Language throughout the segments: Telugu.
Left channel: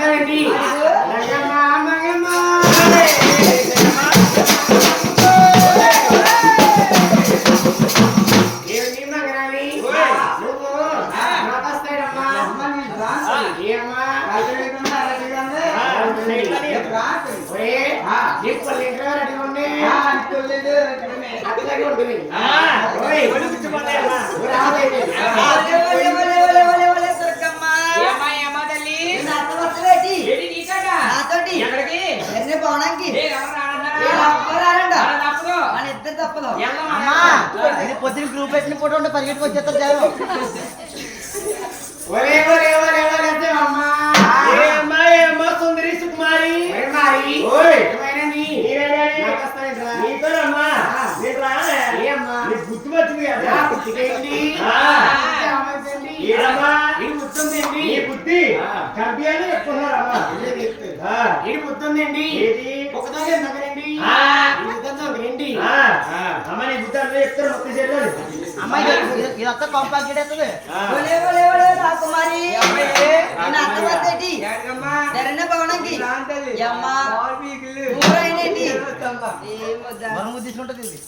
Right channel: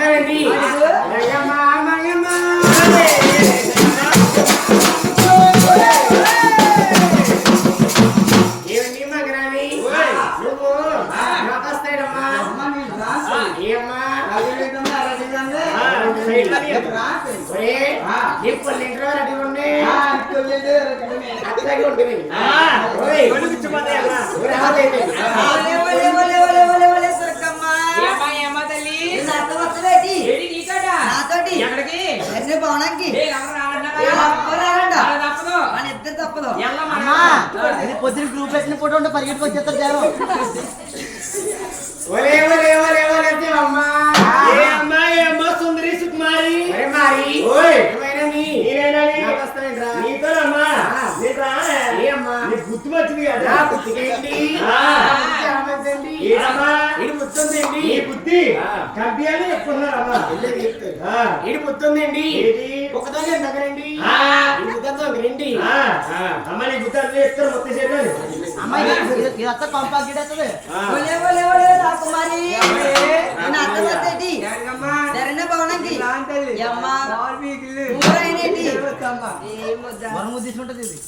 అంటానండి తప్పదు పొద్దున గ్రూప్ పెట్టిన ఫోటో ఉంటే పరిగెట్టుకు వచ్చేస్తారు జనం. సుందరి సుకుమారి గుర్తు వచ్చింది కదా ముత్తుందండి బుద్ధి కంపి అని చెప్పుకున్నారమ్మా ఇది ముత్తుందండి ఒకదాన్ని దగ్గరండి దగ్గరండి అమ్మ నీ బుద్ధి అందరూ చెప్తారు మొత్తం చేయాలి అమ్మాయి ఇదంతా కాంపాక్ట్ అవుతుంది. రాకుమారి భవనంకి తీసుకుంటది ఇది.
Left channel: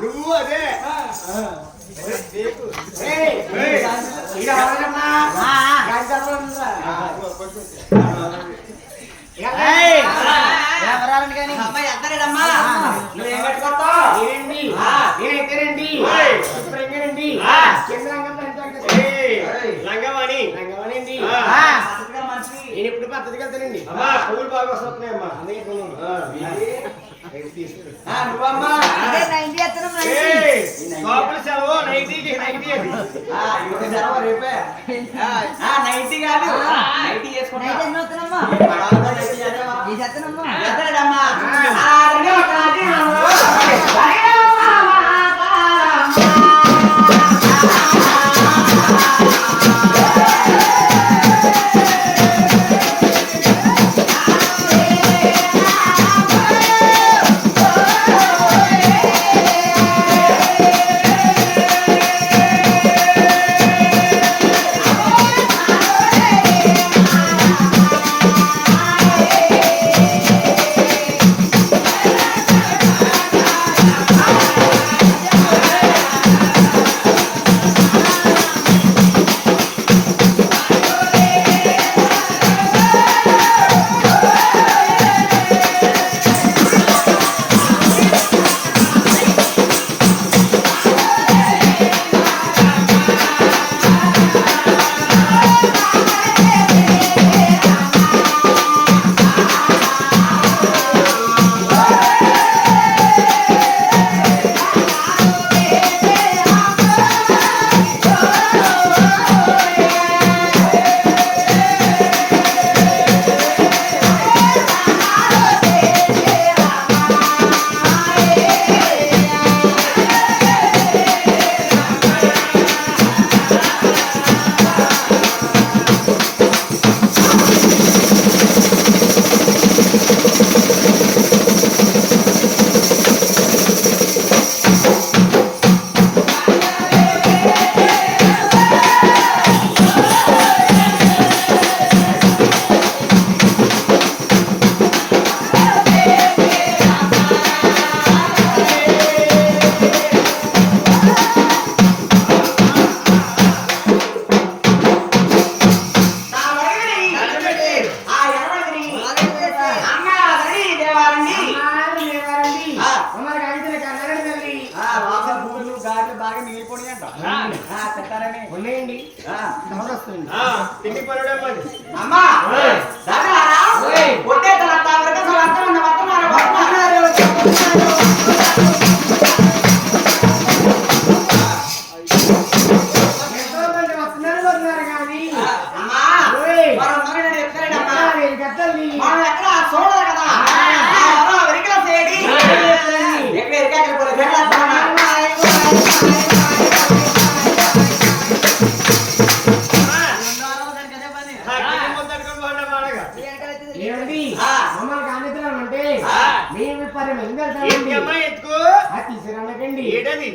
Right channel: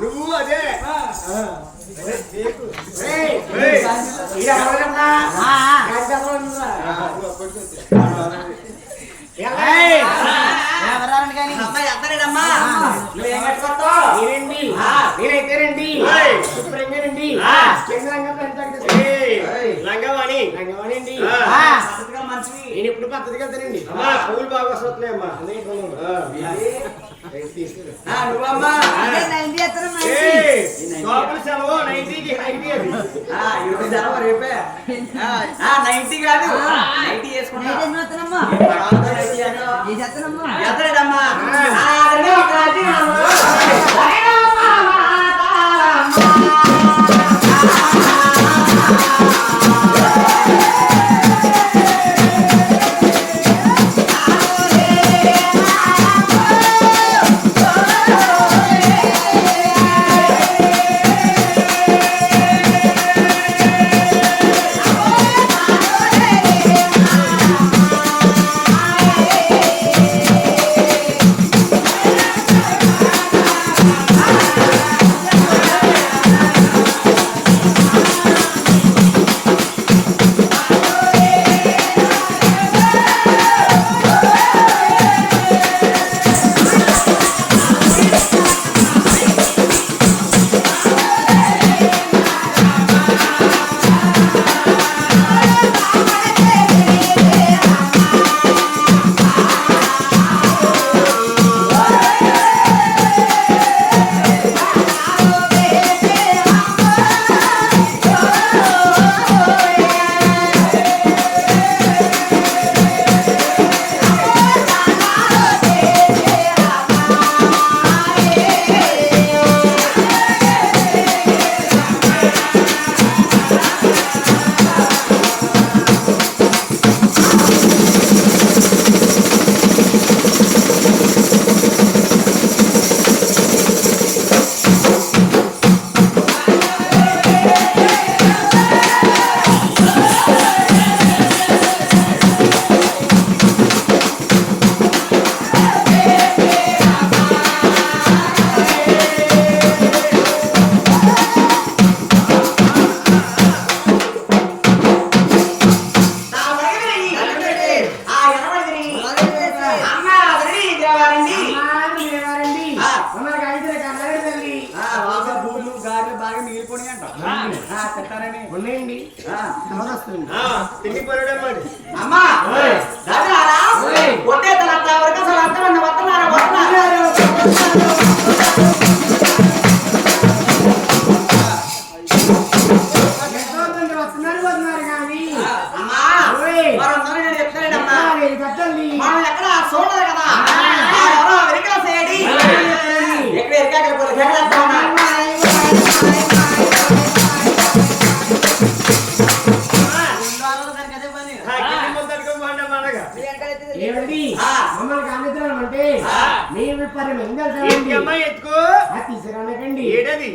నువ్వు అదే లంగవాణి లంగవాణి నేను ఇప్పుడు పద్ధతికి వెళ్తానండి పువ్వులు బాగా వస్తున్నాయమ్మా సెలవు నైటీకి నైటీ నైటీ కాదు నైటీ వేసుకుంటామ్మా తిండి పడమండి అమ్మా కొట్టే వస్తున్నారు కానీ అమ్మా చెప్తానండి మనం ఎక్కడ చూడదు కదా వెరికల చేయడి ఏమండి ఆ. మమ్మల్ని కానిద్దామంటే ఆ. మేము 10 మంది ఏంటి వెళ్తామండి అమ్మా ఎత్తుకో తీసుకురండకండి ఏడది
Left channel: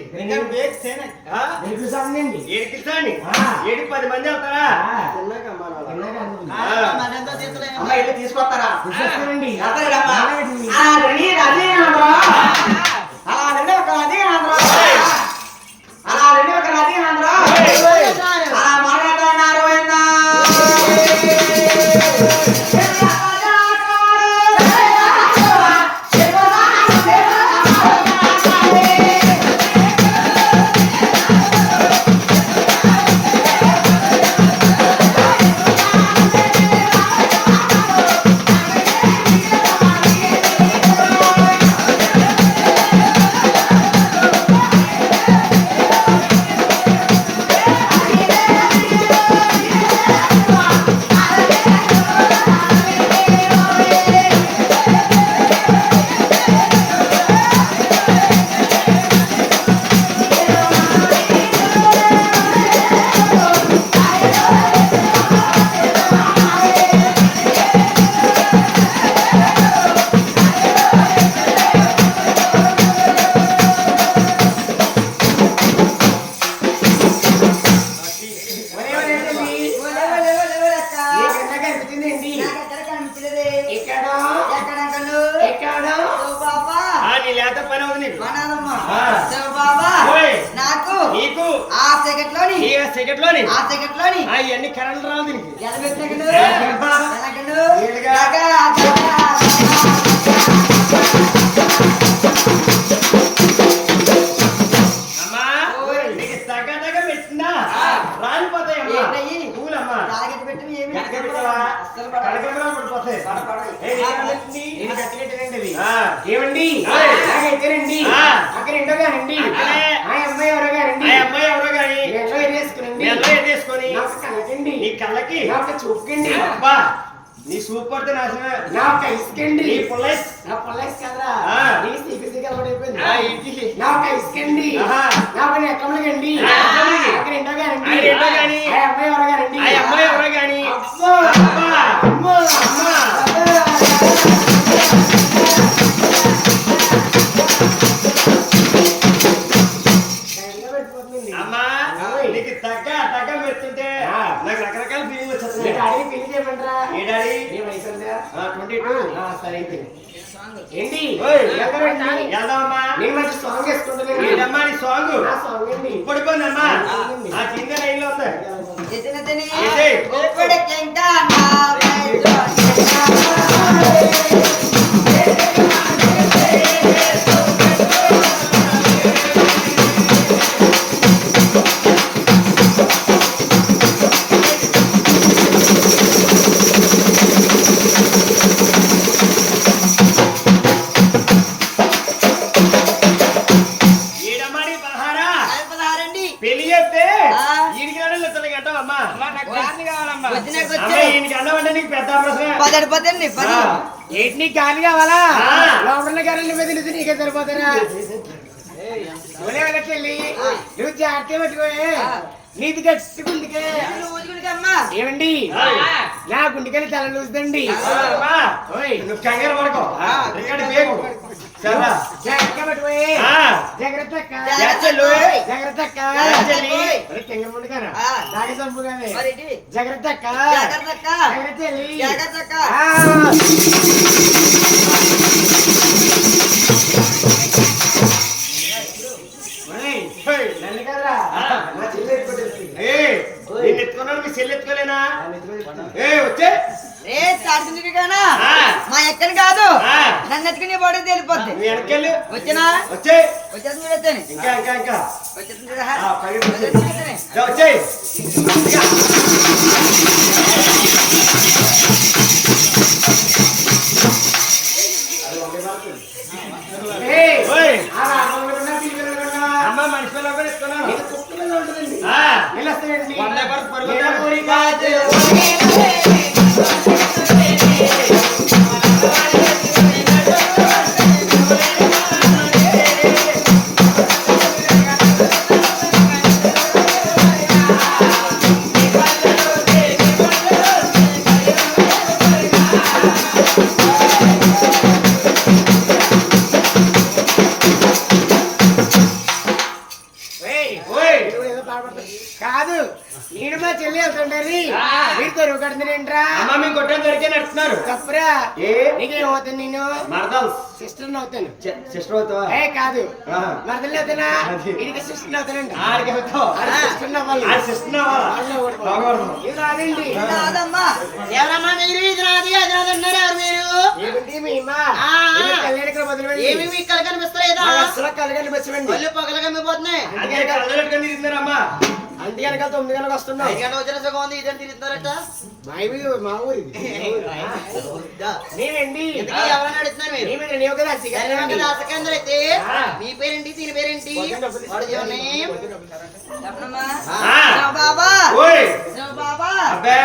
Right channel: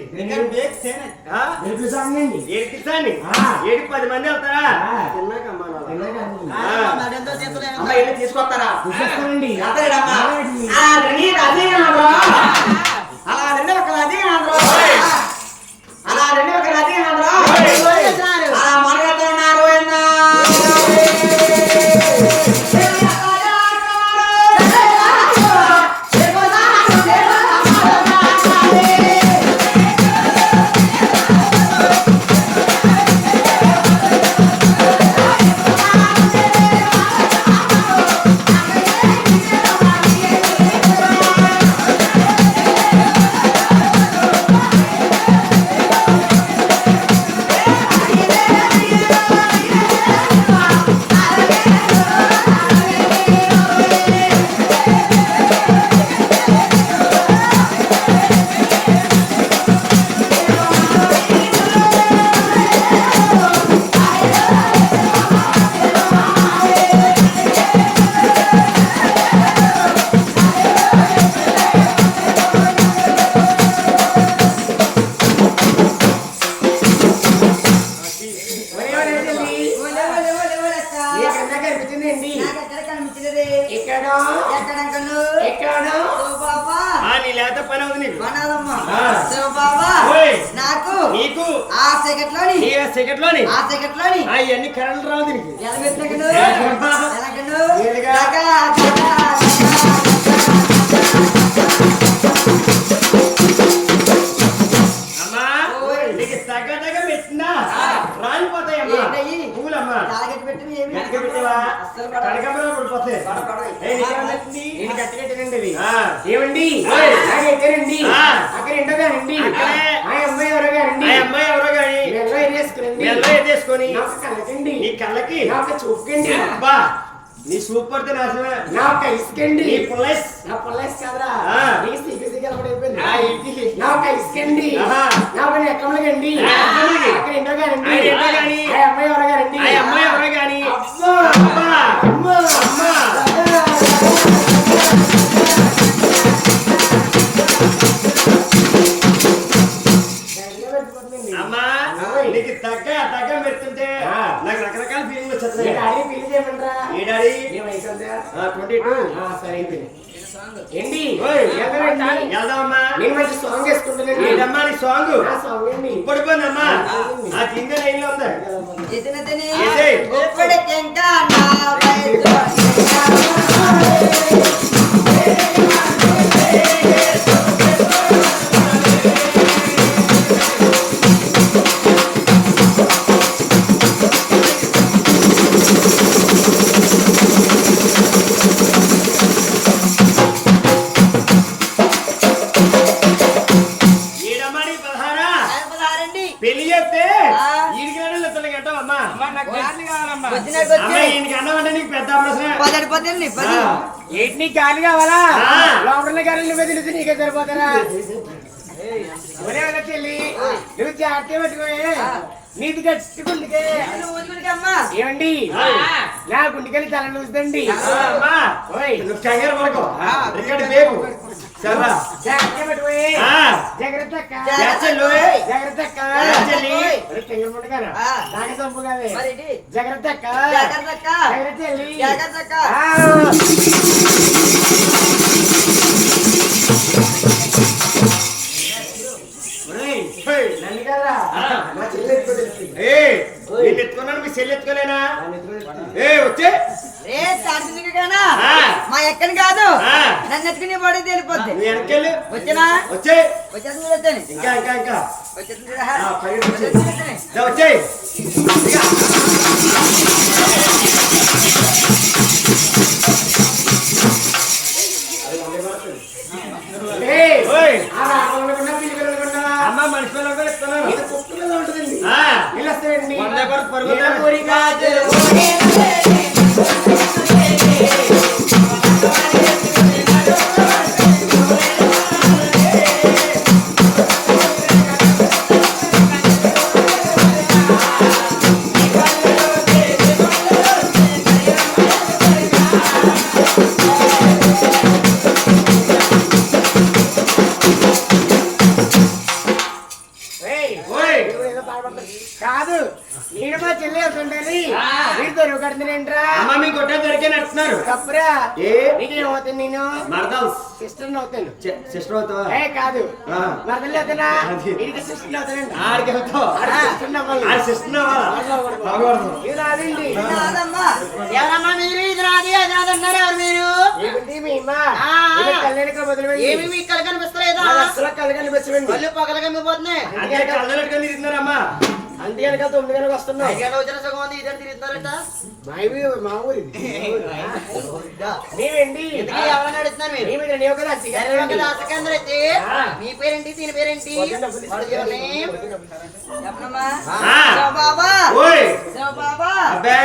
ఆ? తెలుగు సాంగ్ ఏడికి సాని ఆ. ఏడి 10 మంది వెళ్తారా ఆ. తిన్నాకమ్మా నాన్న. మరెంతో చేతులు అమ్మ ఇల్లు తీసుకొస్తారా తీసుకొస్తానండి వెళ్తారుగమ్మా. అలాగండి. ఆ, రండి, రాజీ అన్నారా? అలా రండి, ఒక రాజీ అన్నారా? అలా రండి, ఒక రాజీ అన్నారా? అలా మాట్లాడుతూ ఉన్నారు ఏందా? నీ లేత పని అవుతుంది నీకు ఓయ్. నీకు ఆ సెకండ్ లోని ఈ సెకండ్ లోని ఆ సెకండ్ లోని ఇవన్నీ కరెంట్ రావు దీనికి అమ్మా ఓయ్. నీకు సగదగ పెట్టినా రాలిపోతాయమ్మా పూలమ్మా ఎక్కడ పెట్టావా కనకంబరాలు పడిపోతాయి ఏయ్, నీకేం పెట్టింది? ఆ. ఏమండి ఓయ్. ఎక్కడండి ఆ. అక్కడ ఇంటగానండి అక్కడే. ఆ అమ్మాయి ఎవరు గారండి ఆ అమ్మాయి ఎవరో గాని మెల్లో ఎరేసుకురండి మెల్ల ఎదేసుకొని నాకు కలకండి నీ కళ్ళకి నాకు చూపకండి అబ్బా నీ సూప్ పడితే నాశనమే నాకు ఇసుకండి నీ పుల్లైస్ నా పొలైస్ కదరా ఆ. నీ సిగ్గు అలవాటైపోయింది ఆ ఇంటికి నాకు ఇసుకండి ఆహా. నా పని ఎక్కమలకండి ఆ, ఎక్కమలకి. అక్కడ ఇంటగానండి ఆయన ఏంటో గాని ఆ అమ్మాయి ఎవరు గారండి ఆ అమ్మాయి ఎవరో గాని అబ్బా అబ్బా. అమ్మా అమ్మా. అమ్మా ఓయ్. నీకు తగ్గ పెడుతుంటే ఆ. నాకు రకరకాల ఫీలింగ్ మీ వచ్చేస్తుంది డాడీ పెళ్లి చేయమంటారా ఏ డాడీ ఏ వయసు ఉందా 22 సరే అయితే ఏంటి ఓయ్. వెళ్తారండి వెళ్దామమ్మా నేను మంచి సాంగ్ వేసుకుంటానండి ఏంటమ్మా నీ సాంగ్ నా సాంగ్ అండి పడిపోయిందమ్మా ఆ కింద లైన్ లో ఉంది ఏడమ్మా నీ 16 పెళ్లి చేస్తే ఈడికి రావడం ఇతనికి అంటావమ్మా నాకు గాలి కావాలమ్మా అమ్మ ఈయనకి అన్నం అంటే నీకు పెద్ద ప్రశ్న ఏంటి నీకు గాలి కావాలా ఆ. లోపల గాలి నువ్వే తెలిసి నీకే సరిపోతారా చెల్లి నువ్వు జాగ్రత్త పెట్టుకోయే నీది గట్టుకుందికే ఏమండి నా గుండెకెళ్ళి తల లూస్తుందండి అమ్మా ఓయ్ నువ్వు కంగారు పడుకో ఇక్కడ బేగు సర్రా జాగ్రత్త పెట్టుకోయే ఆ. జాగ్రత్త అక్క జాగ్రత్తలు. జాగ్రత్త అక్క చెల్లి. తెంగ ముందుగారు నాకే చంపు కాదే జాగ్రత్త అక్క జాగ్రత్త చెల్లి ఆ. ఒరేయ్, హేయ్. నన్ను కదరా నా చెల్లి ఎత్తుకోలేదు ఏయ్, నిన్ను ఎత్తుకున్నాను మీ చెల్లి ఎత్తుకోలేనా ఏ వచ్చే ఆ. మా ఎక్కని కాదు ఆ. నన్ను ఎత్తుకుని పడేది వెళ్ళిపోద్ది నువ్వు వెనకెళ్ళు వచ్చినా వచ్చే వచ్చేసి చూడొచ్చని ఇంకా ఇంకా ఇంకా వచ్చేసి చూడరా ఆ, పైకి వచ్చే వచ్చేసి వచ్చేయ్ ఇక. ఏయ్, ఓయ్. ఆ రాకుండా పిల్లలు వెళ్ళకుండా అమ్మ మనిషి పిల్లలు కూడా ఎత్తుకున్నాను ఇది కుక్కలో ఉంటుందండి ఆ. వెళ్ళొస్తాయండి వంద కొరకు పరుగు నీళ్ళ వద్దాను. కోరిక ఆ చెప్తున్నారు తప్పురా ఏ నీకేమవుతుంది నేను మరదల్ సిస్టర్ అవుతాను సిస్టర్ అవుతావా ఏ కాదు ఆ. మరదలు అవుతానా అది. ఇది సిస్టర్ అవుతానండి ఆడికి అవుతావు సిస్టర్ అవ్వాలి ఆ సిస్టర్ అవ్వాలా ఇది రాదండి కాదమ్మా. ఎవరమ్మా మీరు? ఇది నాది అది నాది అన్నారు. ఎవరు మీరు? ఏమిటి మీ అమ్మ ఆ. కళ్యాణికి బదులు ఏమి మీకు కళ్ళు కనిపిస్తలేదా? అసలు కళ్యాణి బచ్చవండి కళ్ళు పగలు కమ్మిపోతున్నాయి. అంటే కళ్ళు పెట్టుకొని తిరుగుతున్నారమ్మా అంతే కనుక 9 గంటలకు వస్తున్నాం ఐదు గంటల వచ్చిన సుఖం ఉంది. ఇద్దరు తిరుగుతారట. మా ఊరు మీరేంటి ఇంతకీ ఎవరన్నా అడుగుతున్నారు మీరు? ఏమి లేవు కదా ధన్యవాదాలు దాసకేంద్ర అయితే ఆ. మీ పేరేంటి? దీని పేరేంటి? What is your name? చెప్పనమ్మా. ఆ. బాబా ఓయ్ బాబా అబ్బే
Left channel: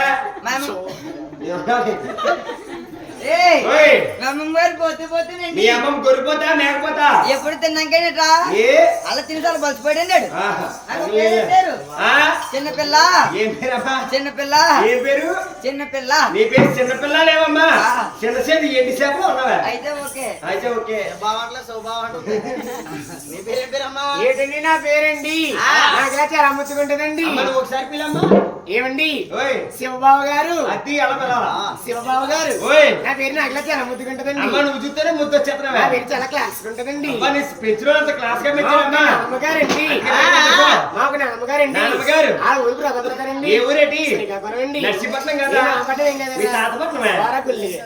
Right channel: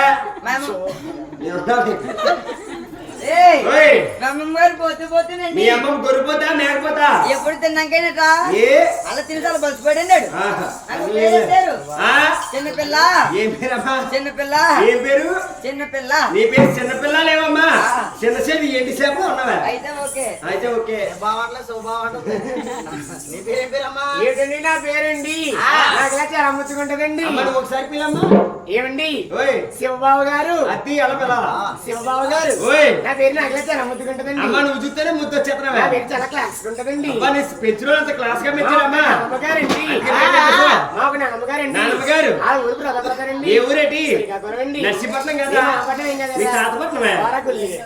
ఏయ్ ఓయ్ మేమమ్మ గారు పోతే పోతేనండి. మీ అమ్మమ్మ గొర్రెపోతా మేకపోతా ఎప్పుడు తిన్నాకైనట్రా ఏ అలా తినసాలు బలిసిపోయాడు. ఆహా. నాకు పేరు పేరు ఆ? చిన్నపిల్ల ఏం పేరమ్మా చిన్నపిల్ల ఏం పేరు చిన్నపిల్ల. నీ పేరు చిన్నపిల్ల లేవమ్మా చిన్న సేపు ఎండి సేపు ఉన్నావా అయితే ఓకే అయితే ఓకే బావట్ల సౌబావట్ల. నీ పేరేం పేరమ్మా? ఏంటండి నా పేరండి నాకు ఇలా చాలా ముచ్చుకుంటదండి అమ్మ నువ్వు ఒకసారి పిల్లమ్మా ఏమండి ఓయ్ శివబాబు గారు అత్తి ఎలా పిల్లాలా శివబాబు గారు ఓయ్ నా పేరు నాకు ఇలా చాలా ముద్దుకుంటదండి అమ్మ నువ్వు చూస్తేనే ముద్దు వచ్చేస్తున్నావా నా పేరు చాలా క్లాస్ ఉంటదండి అబ్బా నీ పెంచులో అంత క్లాస్ గా మెచ్చాడమ్మా అమ్మగారండి మాకు నాన్నమ్మగారండి నాన్నమ్మగారు ఆ ఊరు బ్రదరండి ఏ ఊరేటి శ్రీకాకుళం నర్సీపట్నం కదా మీ తాతపట్నమే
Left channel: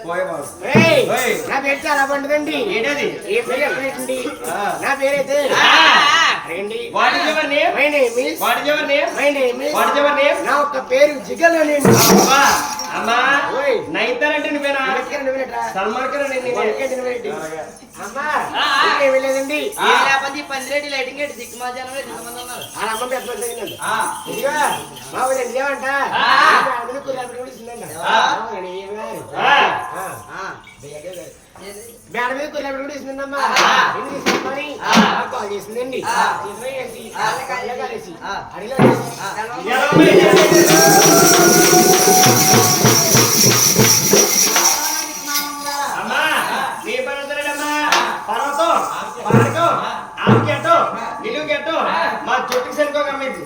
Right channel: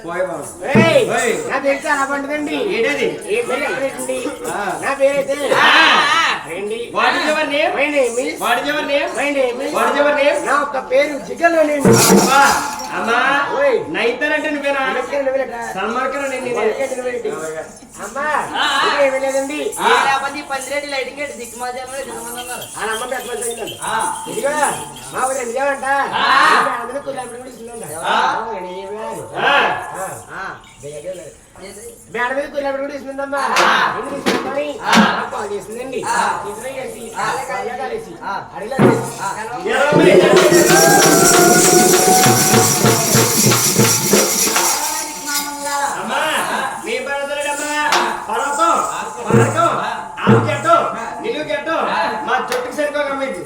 పోయే బాబు ఓయ్. నా పేరు చాలా పండుదండి ఏంటది ఏ పేరు ఎక్కడండి ఆ. నా పేరైతే రండి what is your name my name is what is your name my name is what is your name నా ఒక్క పేరు జిగల్లోనే అమ్మా అమ్మా ఓయ్. నైతర్ అంటే నువ్వేనా సల్మాన్ ఖాన్ నేను అమ్మా ఏమీ లేదండి పందిరెడ్డి లైటింగ్ ఏంటి దిక్కుమాజానం దిగుమన్నారు. ఆ అమ్మ పెద్ద తగినండి ఇదిగో మా ఊరండి ఏమంట అందులో కుర్రాడు కూడా ఇస్తుందండి మేడ మీద కుర్రాడు కూడా ఇస్తుందమ్మా ఎందుకు ఇస్తుందని కాల్ చేసిందండి తీసుకుని కలిసి అడిలో అమ్మా నీ పర్వతలేడమ్మా పర్వతం పారకం ఆపు గెట్టో నిలువు గెట్టో మా జుట్టుకి సరిపోకమ్మింది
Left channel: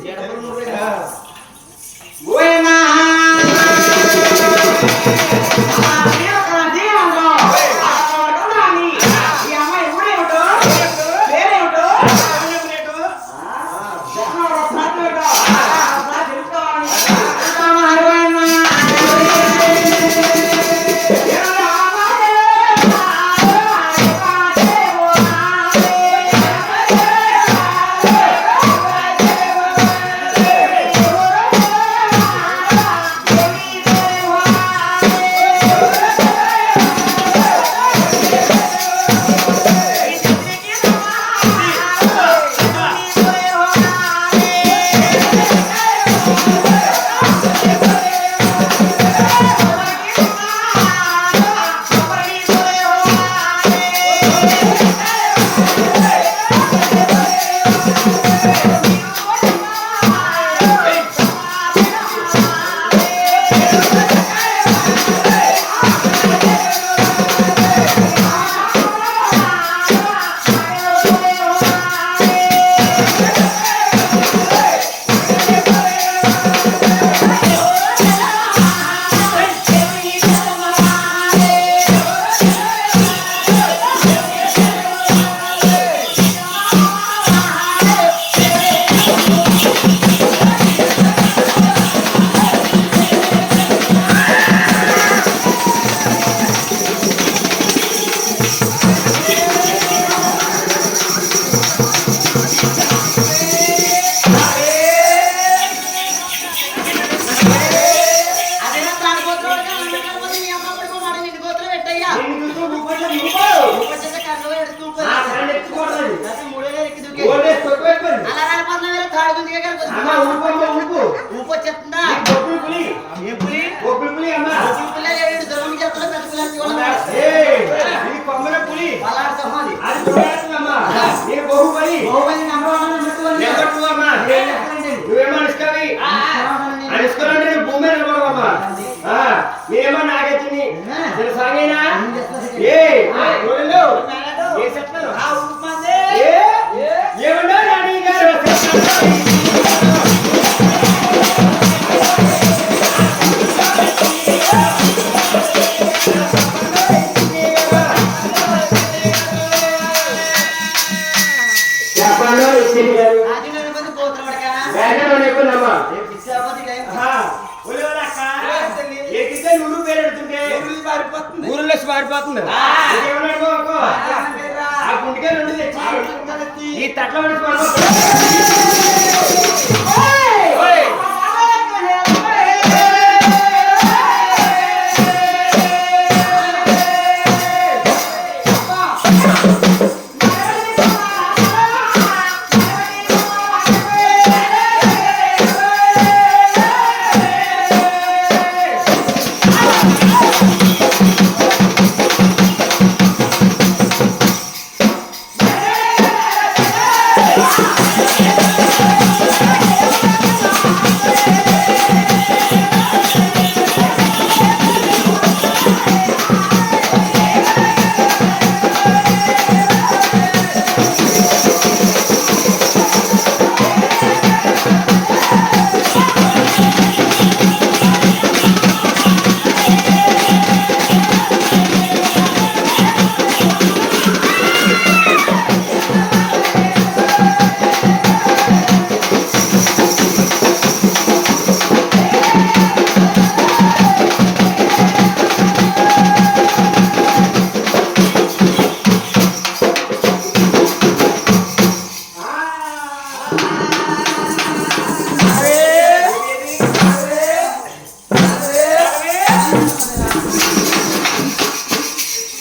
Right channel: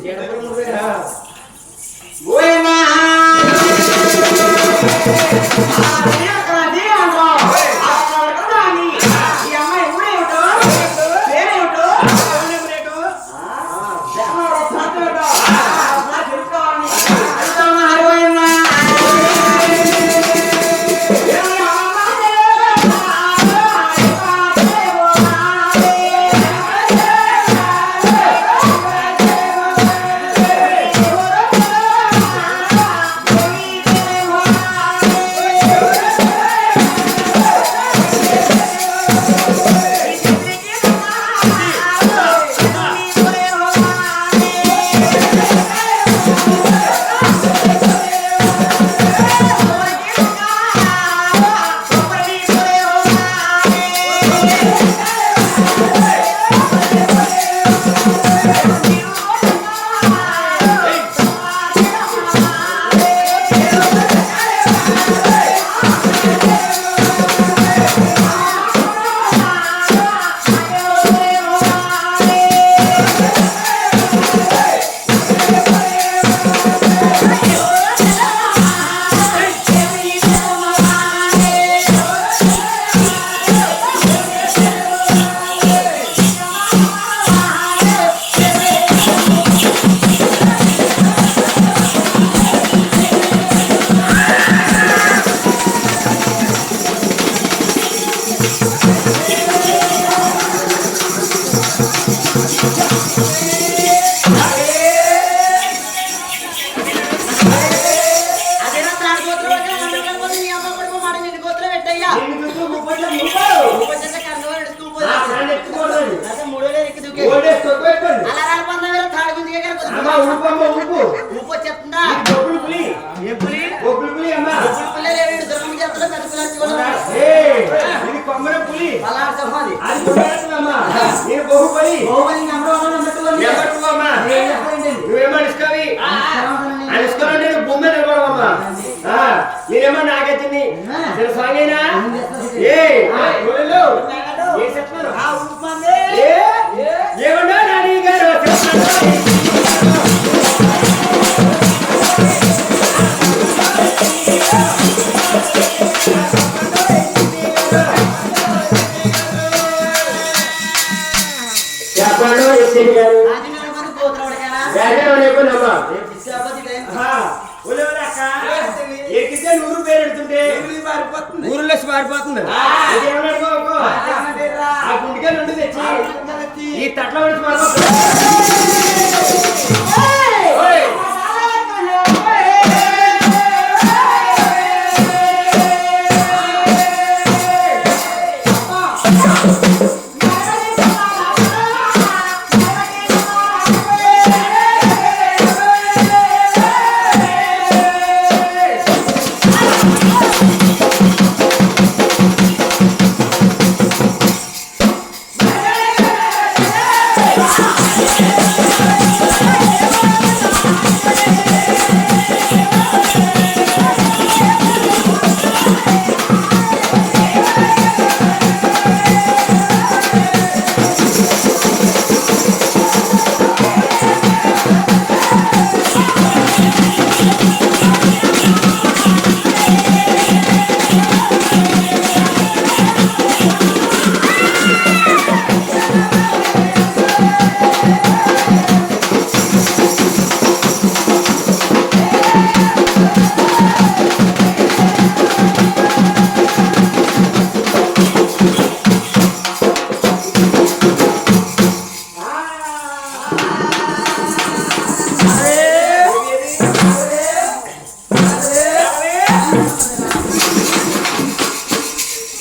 నేనేమో నాగచ్చిని సాగైనా ఏమన్నా రాణి గారు చెప్పండి ఎస్పీ గారు ఆంజనేయుని మంది పోతున్నాడు కదా వేగం లేకున్నామా రేపు ఇచ్చాపతి టైం ఎక్కితే నూరు పేరు ఎడుతుంటే ఊరిలో పారిపోతుంది ఆ గుంటిగా నుండి తెచ్చి ఈ తట్ల మనిషి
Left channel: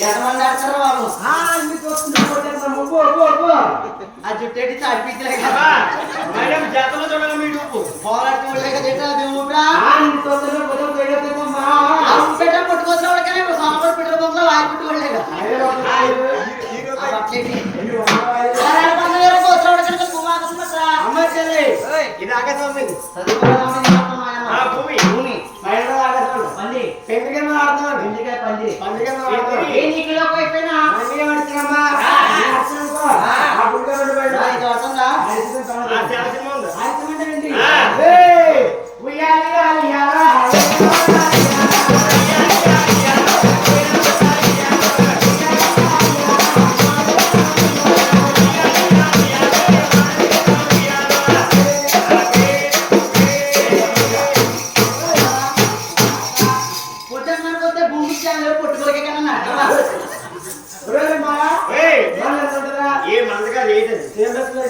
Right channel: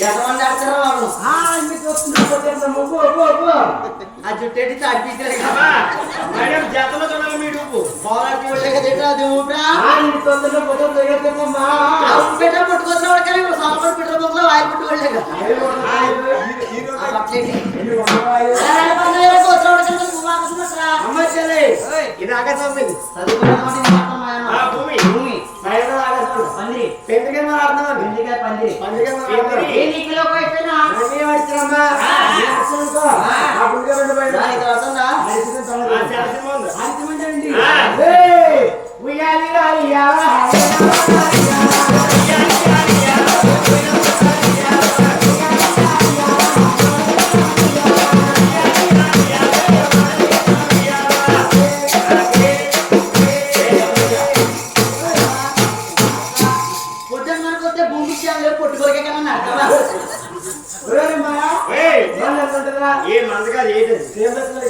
ఎంతమంది ఆడతారు బాబు ఆ జుట్టేటి తాడిపించలే కదా మేడం జాతలో చూడాలి మీ డూపు పోరాడి చూడలేక తిట్టా అది ఊపిరా పట్టుకొచ్చిన కానీ సాంబార్ పెట్రోల్ బొమ్మలో వాయిల్ పెట్టుకోలేక ఇది ఆకాశం భూమి భూమి పందిరి బెండకాయ పందిరి ఏ నీకులోకి అయిపోయినా చాలా సినిమా ఉంది పొద్దున్నకొస్తే భూమి పొట్టుకోలకే కన్నా ఏ మందగా ఎంత ఉంటుంది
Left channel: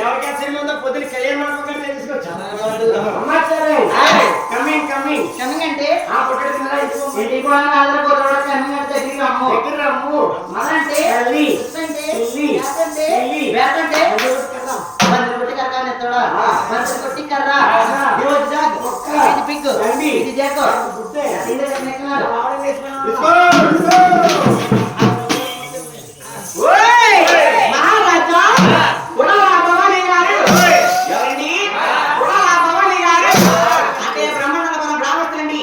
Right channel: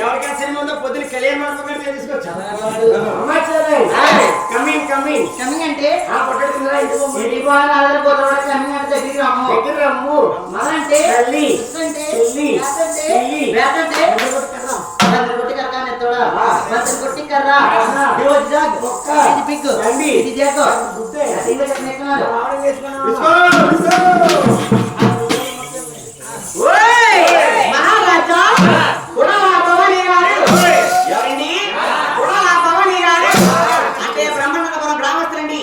ఎవరికైనా సినిమా ఉందో పొద్దున కళ్యాణ మండపం తీసుకొచ్చా కమింగ్ కమింగ్ అంటే ఇంటికి కూడా కమింగ్ అంటే దగ్గర అమ్ము మన అంటే వేతంటే కొట్టి కర్ర ఎత్తడా కొట్టి కర్ర ఇది పిక్ ఇది జాక్ మహారాజా కులాల భవానీ గారు ఎవరండి కులాల భవానీ గారు అంటే బ్రహ్మాండ బ్రాహ్మణులండి